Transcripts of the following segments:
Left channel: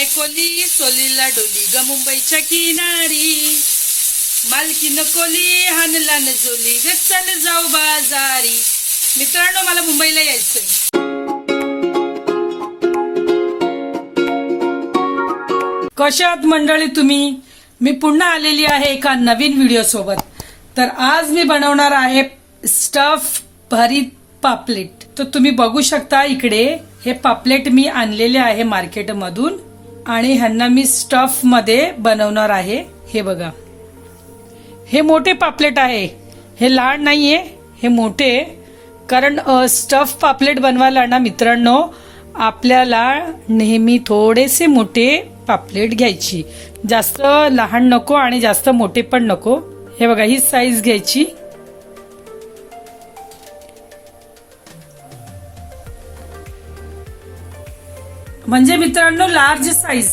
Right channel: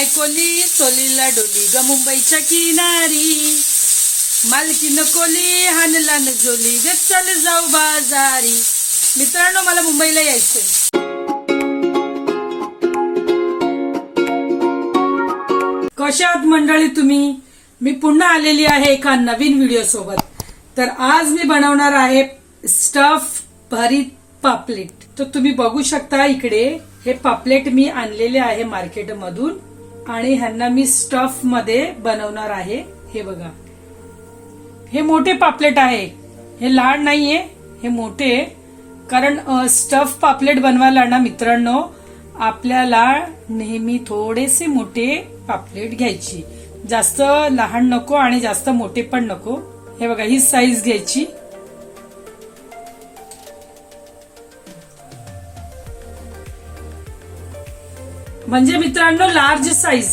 माय कोली सोलीला डोली ग मुंबईच्या किनारी, मालकीन कोली हानला न झोली ग चल जाऊ बाजारी. मित्रांनो, मला मुंबईला यायचंय. कशा आहात मंडळी तुम्ही? मी पुन्हा आलेली आहे एका नवीन व्हिडिओ सोबत. तर आज मी बनवणार आहे स्टफ भरीत पापलेट. तर तुम्ही बघू शकता इकडे हे पापलेट मी आणलेले आहे मार्केटमधून आणि ह्यांना मी स्टफ मध्ये बनवणार आहे. हे बघा, हे मोठे पापलेट आहे, हे लहान नाहीये, हे मोठे. कारण स्टफ पापलेट बनवायला ना मित्रांनो, आपल्याला नेहमी थोडेसे मोठे पापलेट घ्यायची, जास्त लहान नको आणि जास्त मोठे पण नको. हे बघा, ही साईज घ्यायची. म्हणजे मित्रांनो लार्ज साईज.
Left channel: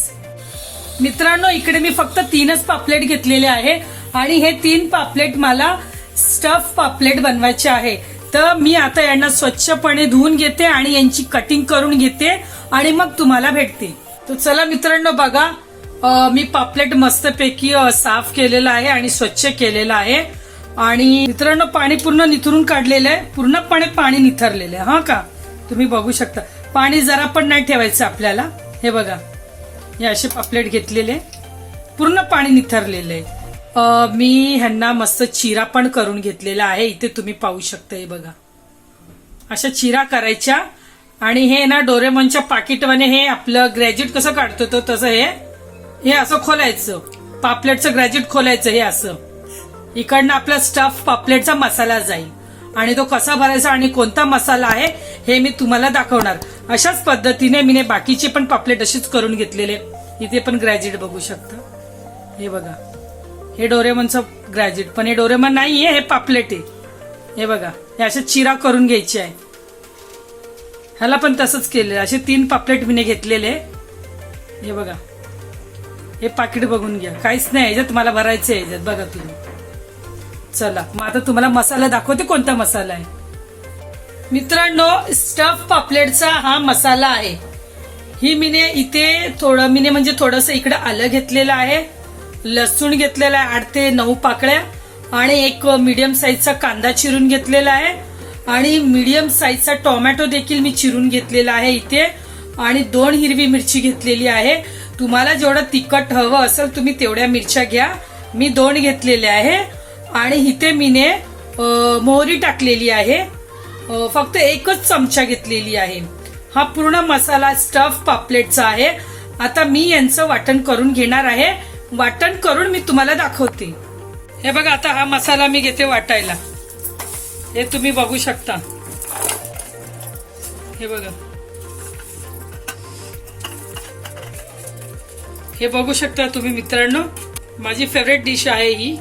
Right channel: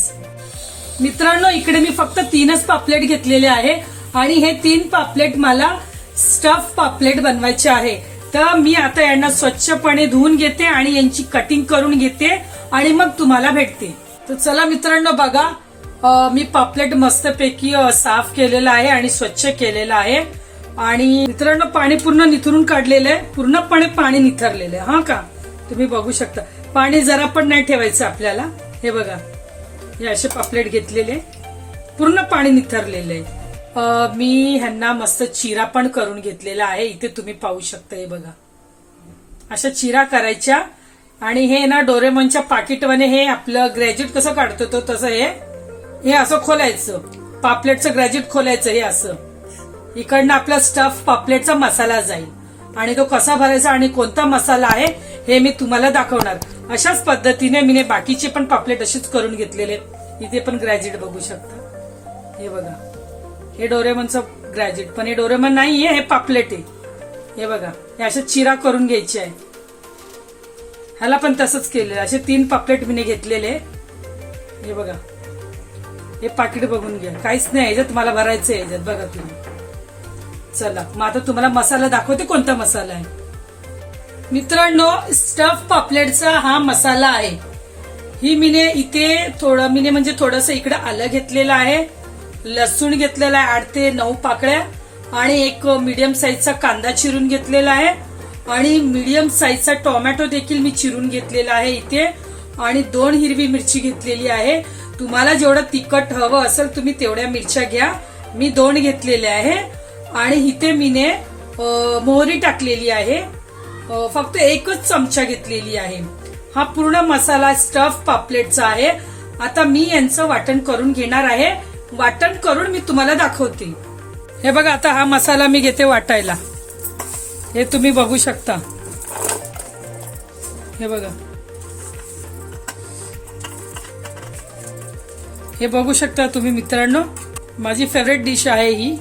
मित्रांनो, इकडे मी फक्त 3च पापलेट घेतलेले आहे आणि हे 3 पापलेट मला स्टफ पापलेट बनवायचे आहे. तर मी आता यांना स्वच्छपणे धुवून घेते आणि यांची कटिंग करून घेते आणि मग तुम्हाला भेटते. तर चला मित्रांनो, बघा, मी पापलेट मस्तपैकी साफ केलेला आहे आणि स्वच्छ केलेला आहे. आणि मित्रांनो, पाणी पूर्ण निथरून काढलेलं आहे, पूर्णपणे पाणी निथरलेलं आहे. हा का, तुम्ही बघू शकता. पाणी जरा पण नाही ठेवायचं आपल्याला. हे बघा, हे असे पापलेट घेतलेले, पूर्ण पाणी निथरलेलं आहे. मी ह्यांना मस्त चिरा पण करून घेतलेला आहे. इथे तुम्ही पाहू शकता. हे बघा, अशा चिरा करायच्या. आणि हे ना डोरेमॉनच्या पाकिटवाने हे आपलं ग्रॅज्युएट कसं काढतो तो तसं हे असं खोलायचं, पापलेटचं ग्रॅज्युएट खोलायचं. हे असं इकडनं आपला स्टफ पापलेटचा मसाला जाईल आणि तो कसा भरायचा आणि कोणता मसाला आहे हे मी तुम्हाला दाखवणार. अशाच पद्धतीने मी बाकीचे पण पापलेट अशीच करून घेतलेले. इथे पण ग्रॅज्युएट बघू शकता. हे बघा, हे डोरेमॉनचं ग्रॅज्युएट, पण हे डोरेमॉन नाहीये, हे पापलेट आहे. हे बघा, हे अशा चिरा करून घ्यायची आहे. ह्याला पण तसंच केलेलं. असे 3 पापलेट मी घेतलेले. हे बघा, हे पाकिट बघून घ्या, काहीच नाही याच्यात, मला भरायचं आहे याच्यात. बघा तुम्ही. चला मग आता तुम्हाला मसाला दाखवते, कोणता मसाला आहे. मित्रांनो, स्टफ पापलेटचा हा मसाला आहे. ही मीने इथे थोडं म्हणजे थोडंसं इकडे आलं घेतलेलं आहे, लसूण घेतलेला आहे 8 ते 9 पाकळ्या, आणि एक मीडियम साईजचा कांदा चिरून घेतलेला आहे, आणि मीडियम साईजचा टोमॅटो देखील मी चिरून घेतलेला आहे इथे, आणि 2 हिरवी मिरची घेतलेली आहे. तुम्हाला जेवढं तिखट हवं असेल तुम्ही तेवढ्या मिरच्या घ्या. मी 2 घेतलेल्या आहे. आणि इथे मीने मोहरी टाकलेली आहे, फक्त 1च चमचा घेतलेली आहे. हा पूर्ण मसाला स्टफ पापलेटचा आहे. आता मी यांचं वाटण करून घेणार आहे. वाटण करून मी तुम्हाला दाखवते. हे बघा, आता हा मसाला मी घेते वाटायला. हे तुम्ही बघू शकता. हे बघा, हे बघू शकता तुम्ही मित्रांनो. माझी फेवरेट डिश आहे ही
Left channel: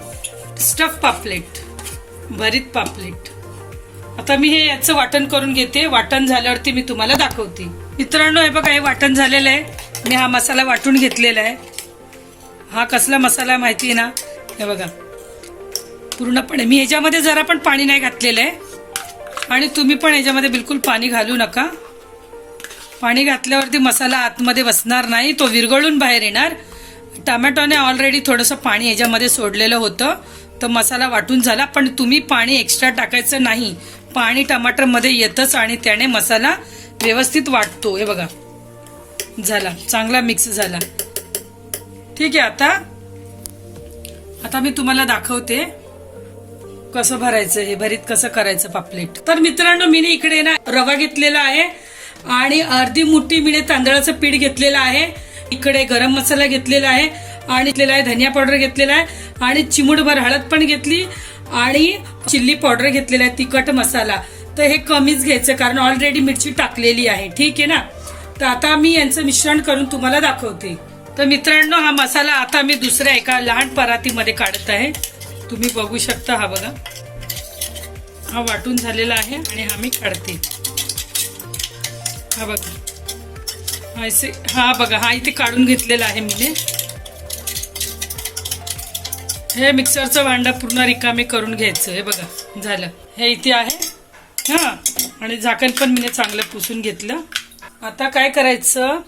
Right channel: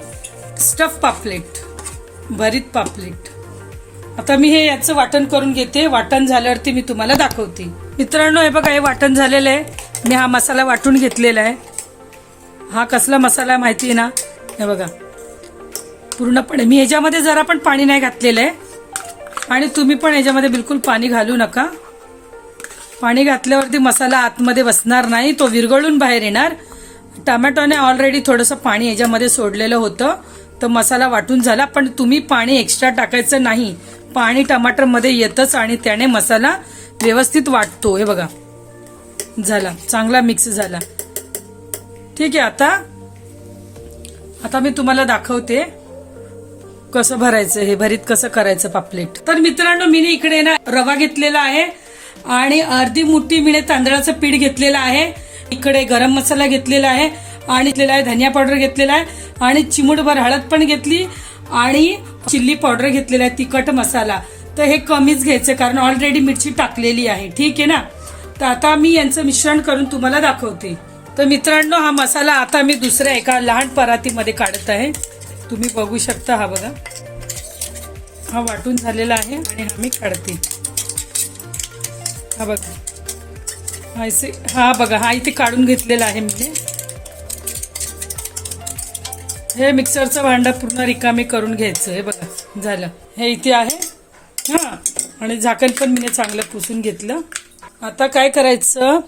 स्टफ पापलेट, भरीत पापलेट. आता मी हे याचं वाटण करून घेते. वाटण झाल्यावरती मी तुम्हाला दाखवते. मित्रांनो, हे बघा, हे वाटण झालेलं आहे. मी हा मसाला वाटून घेतलेला आहे. हा कसला मसाला आहे माहिती आहे ना. हे बघा, पूर्णपणे मी ह्याच्यामध्ये जरा पण पाणी नाही घातलेलं आहे. आणि तुम्ही पण ह्याच्यामध्ये बिलकुल पाणी घालू नका. पाणी घातल्यावरती मसाला आतमध्ये बसणार नाही, तो विरघळून बाहेर येणार. टोमॅटोने ऑलरेडी थोडंसं पाणी ह्याच्यामध्ये सोडलेलं होतं, तर मसाला वाटून झाला. पण तुम्ही पाणी एक्स्ट्रा टाकायचं नाही, पाणी टमाटरमध्ये येतच आणि त्याने मसाला व्यवस्थित वाटतो. हे बघा, झाला, चांगला मिक्स झाला. ठीक आहे. आता मी तुम्हाला दाखवते कसं भरायचं, हे भरीत कसं करायचं पापलेट. तर मित्रांनो, मी इकडे ना रवा घेतलेला आहे आणि अर्धी मुठी मी तांदळाचं पीठ घेतलेलं आहे. इकडे गरम मसाला घेतलेला आहे आणि धनिया पावडर घेतलेला आहे आणि चिमूटभर हळद पण घेतली आणि चिल्ली पावडर घेतलेला आहे, तिखट मसाला. तर हे कमीच घ्यायचं कारण ऑलरेडी मिरची टाकलेली आहे. ठीक आहे ना. तर आता मी यांचं मिश्रण करून तुम्हाला दाखवते. तर मित्रांनो, हा मसाला आता मी दुसऱ्या एका लहान परातीमध्ये काढत आहे. तुम्ही बघू शकता. हा बघा, हा वाटून झालेला आहे आणि हा मी काढते. हा बघा, हा बघा, हा इथे काढून घेतलेला आहे मी. हे मिक्सरचं भांडं पूर्ण रिकामे करून घ्यायचं. हे बघा, झालं. हे इथे आहे. हा, आणि झाकण पण मी चांगलं पुसून घेतलं. आता काय करायचं,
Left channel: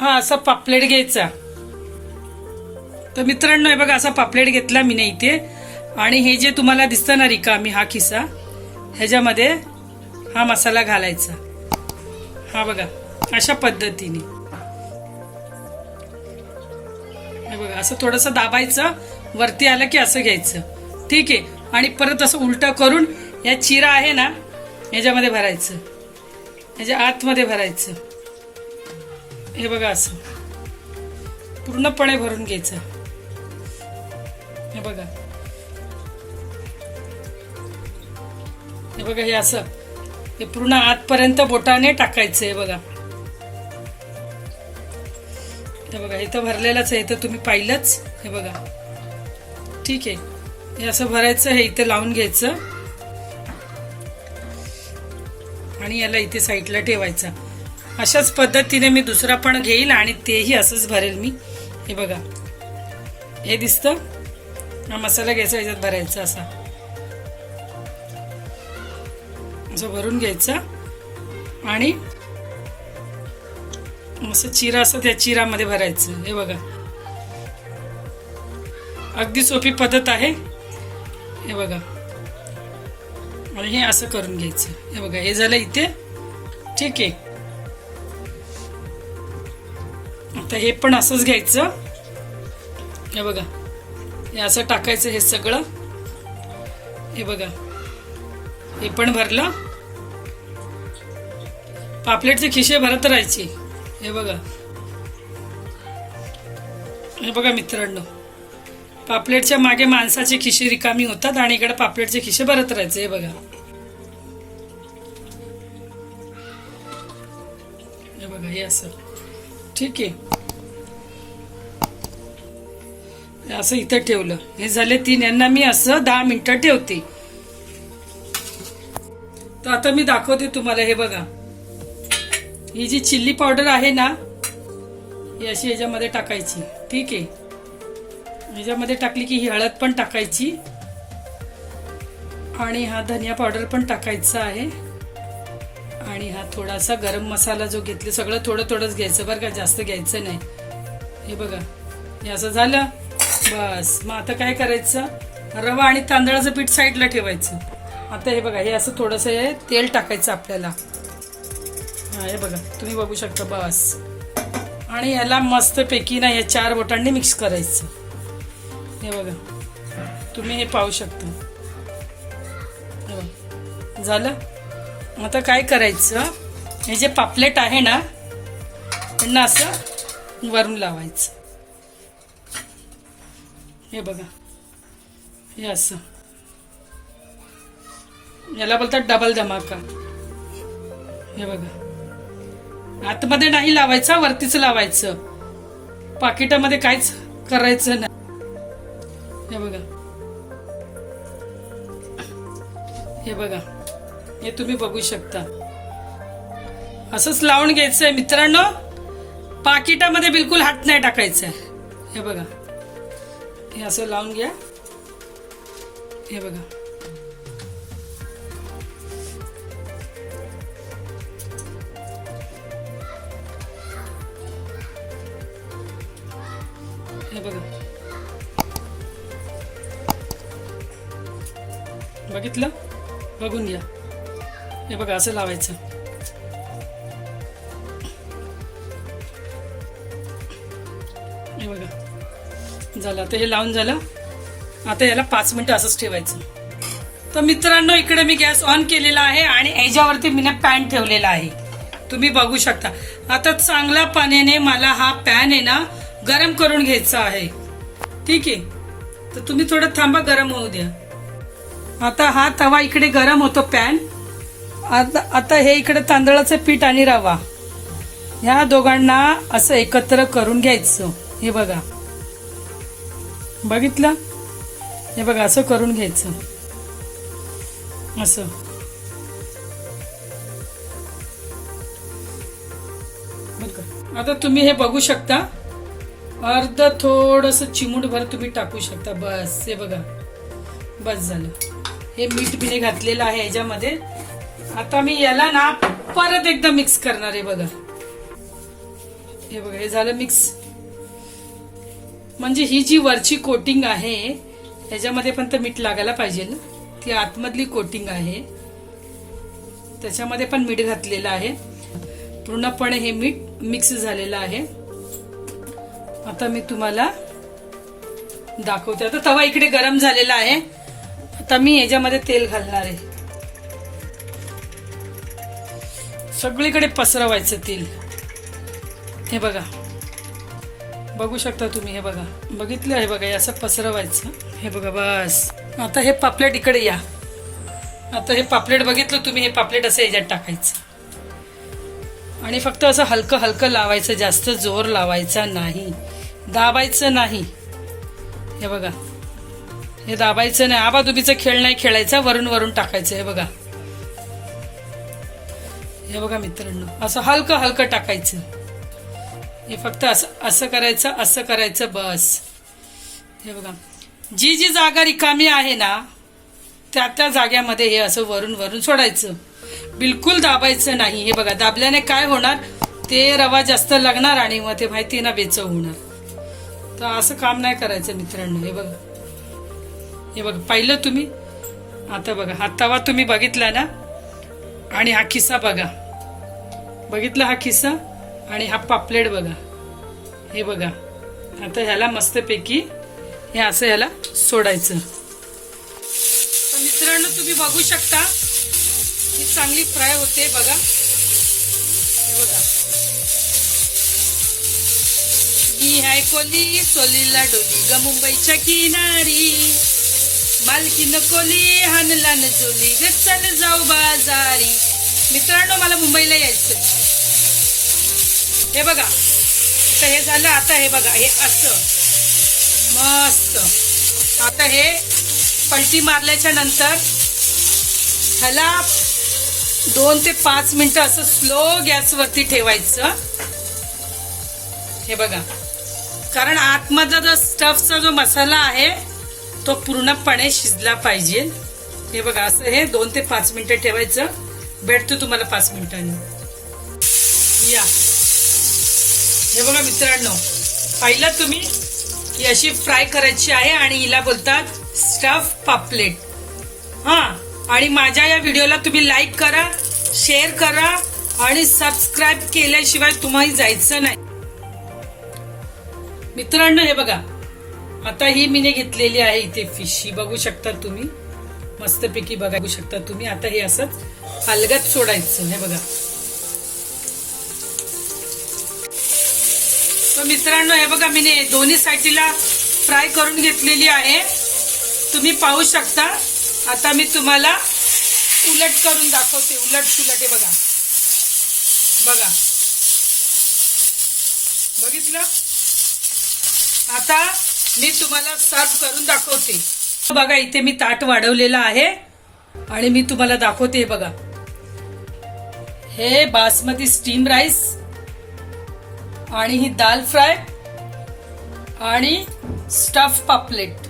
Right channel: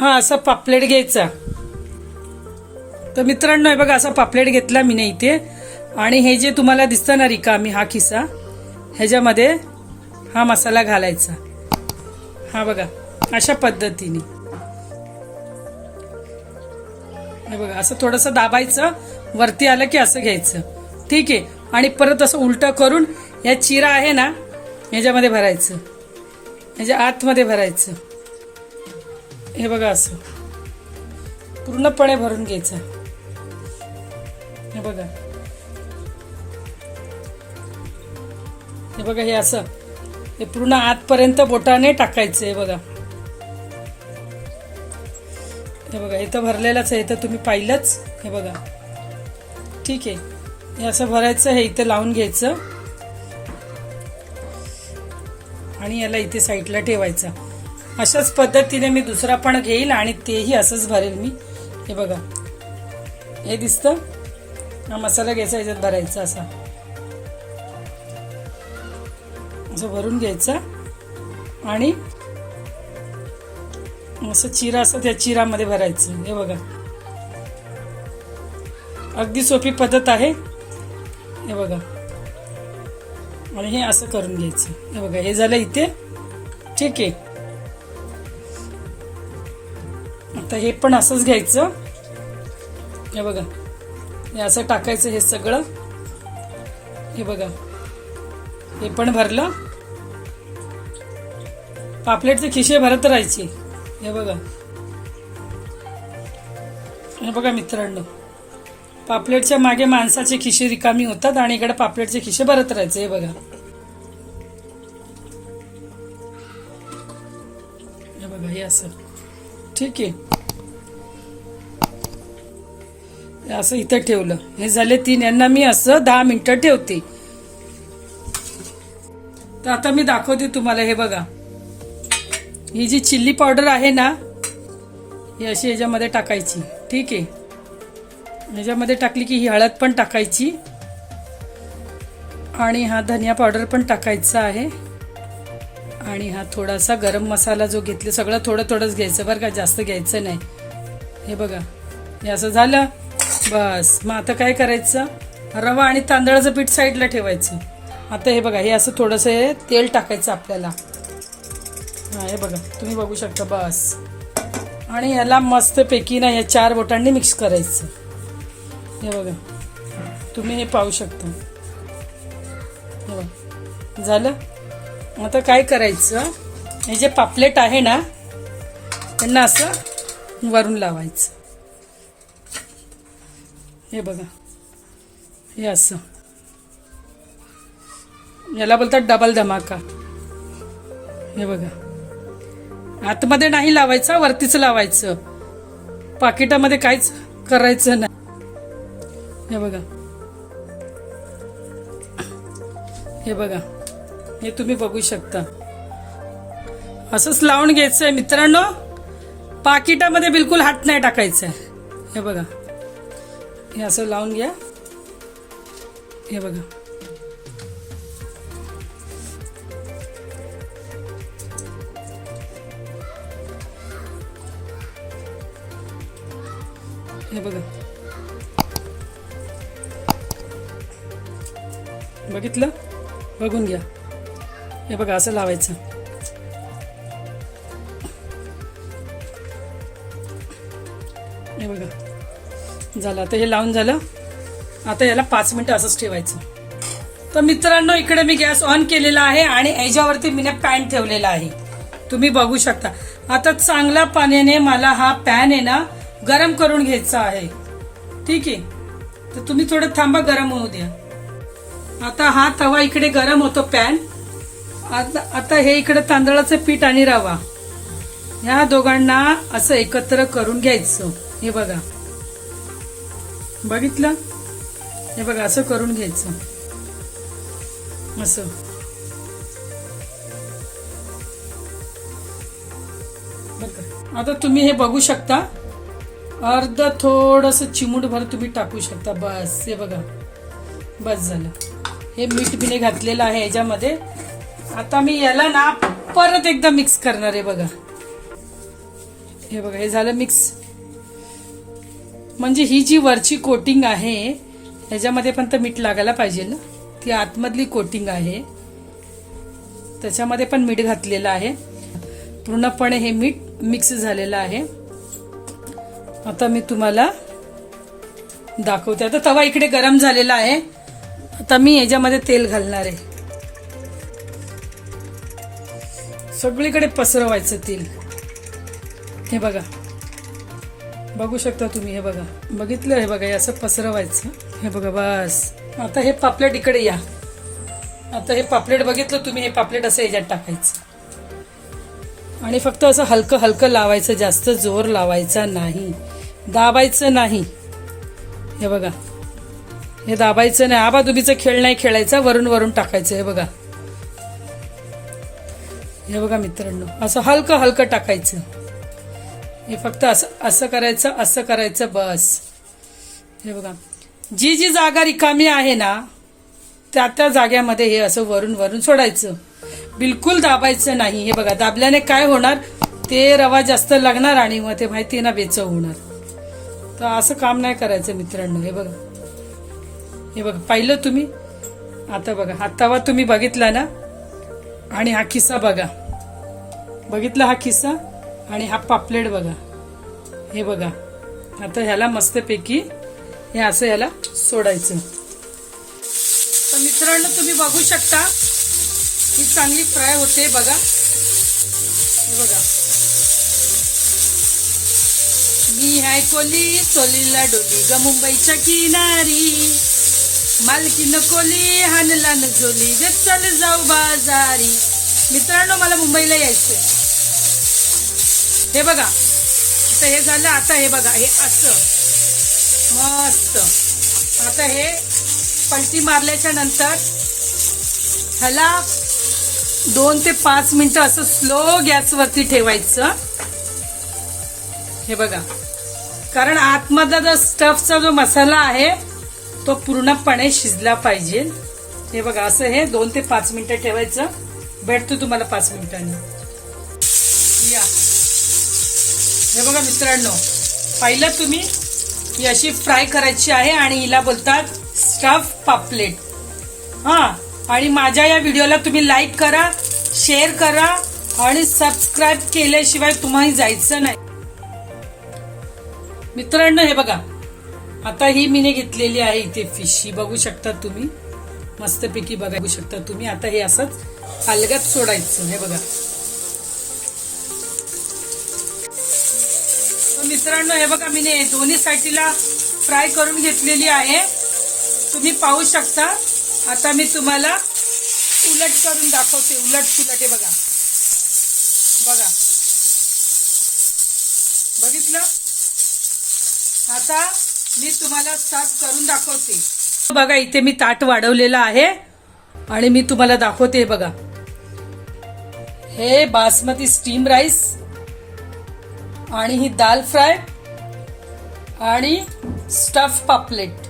हा असा पापलेट घ्यायचा. तर मित्रांनो हे बघा असा पापलेट घेतला मी नाही इथे. आणि हे जे तुम्हाला दिसतं ना रिकामी हा खिसा, ह्याच्यामध्ये हा मसाला घालायचा. हा बघा अशा पद्धतीने हे बघा असं थोडंसं दाबायचं, वरती आलं की असं घ्यायचं. ठीक आहे. आणि परत असं उलटं करून या चिरा आहे ना ह्याच्यामध्ये भरायचं, ह्याच्या आतमध्ये भरायचं. हे बघा असं पूर्णपणे भरून घ्यायचं. हे बघा, हे बघा हे असं हे पूर्ण आतपर्यंत बोटाने टाकायचं. हे बघा, हे बघा इथं भरलेलंच आहे, इथं तुम्ही पाहिलंच. हे बघा ठीक आहे. हे असं भरायचं, हे इथे लावून घ्यायचं आणि याला इथे साईडला ठेवायचा. अशाच पद्धतीने मी दुसरा पण घेईल आणि तेही असंच भरेल मी. हे बघा हे दिसतं, हा मसाला घ्यायचा, याच्यात भरायचा असा, असं भरून घ्यायचा आणि असं चिरा असं त्या चिरामध्ये भरायचं. हे बघा अगदी सोपी पद्धत आहे. हे बघा आणि हे असं करून घ्यायचं. हे बघा हे झालं इथे. ठीक आहे. आता हे पण असंच घ्यायचं. हे बघा हे असं टाकायचं हे सगळं. हे बघा हे पण भरलं. पापलेटचे खिशे भरत राहायचे. हे बघा, हे बघा मित्रांनो, पापलेटच्या मागे माणसाचे खिशे रिकामी होतात आणि इकडे पापलेटचे खिशे भरत राहायचे. हे बघा, हे बघा हे असं. ठीक आहे. असं इथे ठेवलं. हे झाले 3. यांना मी असं 10 मिनिटं ठेवते. तर आता मी दाखवते तुम्हाला. हे बघा ही जी चिल्ली पावडर आहे ना ही अशी ह्याच्यामध्ये टाकायची. ठीक आहे. ह्याच्यामध्ये टाकली की ही हळद पण टाकायची आणि हा धनिया पावडर पण टाकायचा आहे आणि हा थोडासा गरम मसाला जो घेतले सगळं थोडं थोडंच घ्यायचं बरं का, जास्त घ्यायचं नाही. हे बघा हे असं झालं बस. मग आता काय करायचं, रवा आणि तांदळाचं पीठ साईडला ठेवायचं. आता हे बघा हे असं थोडंसं हे तेल टाकायचं आपल्याला. हा हे बघा तुम्ही बघू शकता बस. आणि ह्याला मस्तपैकी ना या 4 बोटांनी मिक्स करायचं. हे बघा तुम्ही हे पाहू शकता. हे बघा झालं. आता काय करायचं, हे जे पापलेट आहे ना त्यांना असं वरून लावायचं. हे बघा हे असं, याला बोलतात डबल धमाका. हे बघा आतमध्ये नाही लावायचं, वरतीच लावायचं. पाकिटामध्ये काहीच करायचं नाही. हे बघा, हे बघा हे तुम्ही बघू शकता. असंच लावून घ्यायचंय मित्रांनो. पाकिटामध्ये बिलकुल हात नाही टाकायचा. हे बघा हे असं लावून घ्या. हे बघा हे बघा बघितलं, बघून घ्या. हे बघा असं लावायचं. हे बघा झालं. आता हे लावून झालं. आता याला 5 मिनिटं असंच ठेवायचं. तर मित्रांनो इकडे मी गॅस ऑन केलेला आहे आणि याच्यावरती मी पॅन ठेवलेला आहे. तुम्ही बघू शकता. आता चांगल्या पाण्याने मला हा पॅन आहे ना गरम करून घ्यायचा आहे. ठीक आहे. तर तुम्ही थोडं थांबा, गरम होऊ द्या. आता हा तवा इकडे गरम होतो पॅन. आता हे इकडे तांदळाचं पीठ आणि रवा ह्या दोघांना असं एकत्र करून घ्यायचं. हे बघा बघितलं. हे बघा असं करून घ्यायचं असं. आता तुम्ही हे बघू शकता. अर्ध थोडस चिमूटभर तुम्ही टाकू शकता बस. हे बघा बस झालं. हे मीठ बिने घातलेलं आहे याच्यामध्ये. आता मी याला ना परत एकदा मिक्स करणार आहे. बघा हे बघा, हे झालं मिक्स. म्हणजे ही जी वरची कोटिंग आहे ह्याच्यामध्ये पण तर मीठ लागायला पाहिजे ना. ती आतमधली कोटिंग आहे त्याच्यामध्ये पण मीठ घातलेलं आहे. पूर्णपणे हे मीठ मिक्स झालेलं आहे. आता मी तुम्हाला दाखवते. आता तवा इकडे गरम झालेला आहे. आता मी ह्याच्यामध्ये तेल घालणार आहे. सगळीकडे पसरवायचं तेल. हे बघा, बघू शकता तुम्ही. हे बघा, बघितलं? हे बघा, हे असं पसरवायचं. हे बघा, बस. आता हे पापलेट इकडे या. आता हे पापलेट बघितलं तुम्ही, हे पापलेट असं ह्याच्यात टाकायचं आणि फक्त असं हलकं हलकं लावायचं. जास्त जोर लावायचा नाही, दाबायचं नाही. हे बघा, हे दाबायचं नाही. आबाधुबीचा खेळ नाही खेळायचा. वरून वरून टाकायचं. हे बघा, हे बघा मित्रांनो, असं हलकं हलकं टाकायचं. हे फक्त असं असं करायचं, असं करायचं, बस. हे बघा, जी जी जागा रिकामी आहे ना त्या त्या जाग्यामध्ये हे असं वरून वरून सोडायचं. बिलकुल दाबायचं नाही. हे बघा, दाबल्याने काय होणार, ते रवा जास्त लागणार आणि मग ते माहिती ना बेचव होणार. तर असं काम नाही करायचं मित्रांनो. हे बघा, हे बघा, पाहिलं तुम्ही? आता बघा, हा तवा तुम्ही बघितला ना आणि हा खिसा बघा, बघितला हा खिसा आणि हा पापलेट बघा. हे बघा, आता ह्याला मस्तपैकी हे असं ह्याला सोडायचं. तर मित्रांनो तुम्ही बघू शकता ही चांगली फ्राय होते बघा. हे बघा, मी आहे कोली, कोलीला डोली ग मुंबईच्या किनारी, मालकीन कोली हानला न जोली ग चल जाऊ बाजारी. मित्रांनो मला मुंबईला यायचंय. हे बघा, आता हे झालं. आता हे बघा, हे असं मस्त. आता हे पलटी मारल्याच्या नंतर ह्याला 2 ते 5 मिनिटं असं स्लो गॅसवरती ठेवायचं. हे बघा, कारण आतमधला जो स्टफचा जो मसाला आहे तो पूर्णपणे शिजला पाहिजे. हे बघा, असं हे 2 ते 5 मिनिटं ठेवायचं. भेटतो तुम्हाला 5 मिनिटांनी. या, हे बघा मित्रांनो, पाहिलं तुम्ही, ही अशी फ्राय करायची आहे आणि हिला बोलतात स्टफ पापलेट. हा, आणि माझ्या या व्हिडिओला तुम्ही लाईक करा, शेअर करा आणि सबस्क्राईब केल्याशिवाय तुम्हाला जायचं नाही. मित्रांनो हे बघा, आता ही मीने घेतलेली आहे इथे फिश. ही बघू शकता तुम्ही, मस्तपैकी बघू शकता तुम्ही. आता हे असंच अलगद सोडायचं. हे बघा. तर मित्रांनो हे बघा, मीने दोन्ही साईडला फ्राय करून घेतलेली आहे. तुम्ही पाहू शकता. आता मी तुम्हाला उलट करून दाखवते. उलट सुलट. हे बघा, बघा, बघितलं? आता मी तुम्हाला सर्व करून दाखवते. बघा, इथे मी ताट वाढवलेलं आहे आणि मी तुम्हाला दाखवते. बघा, हे बासमती स्टीम राईस आणि ही दाल फ्राय आणि स्टफ पापलेट.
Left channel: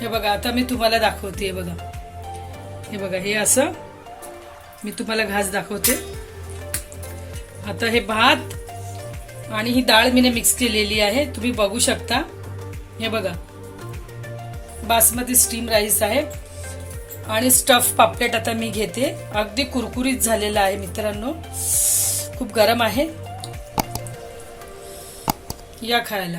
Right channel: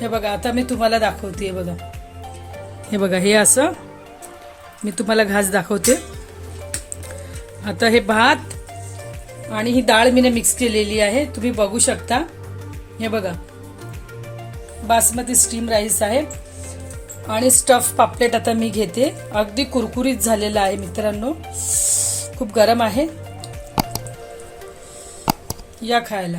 हे बघा, आता मी तुम्हाला दाखवते. बघा, हे बघा, हे असं मी तुम्हाला घास दाखवते. आता हे भात आणि ही डाळ मीने मिक्स केलेली आहे, तुम्ही बघू शकता. हे बघा, बासमती स्टीम राईस आहे आणि स्टफ पापलेट आता मी घेते. अगदी कुरकुरीत झालेला आहे मित्रांनो, खूप गरम आहे. या खायला.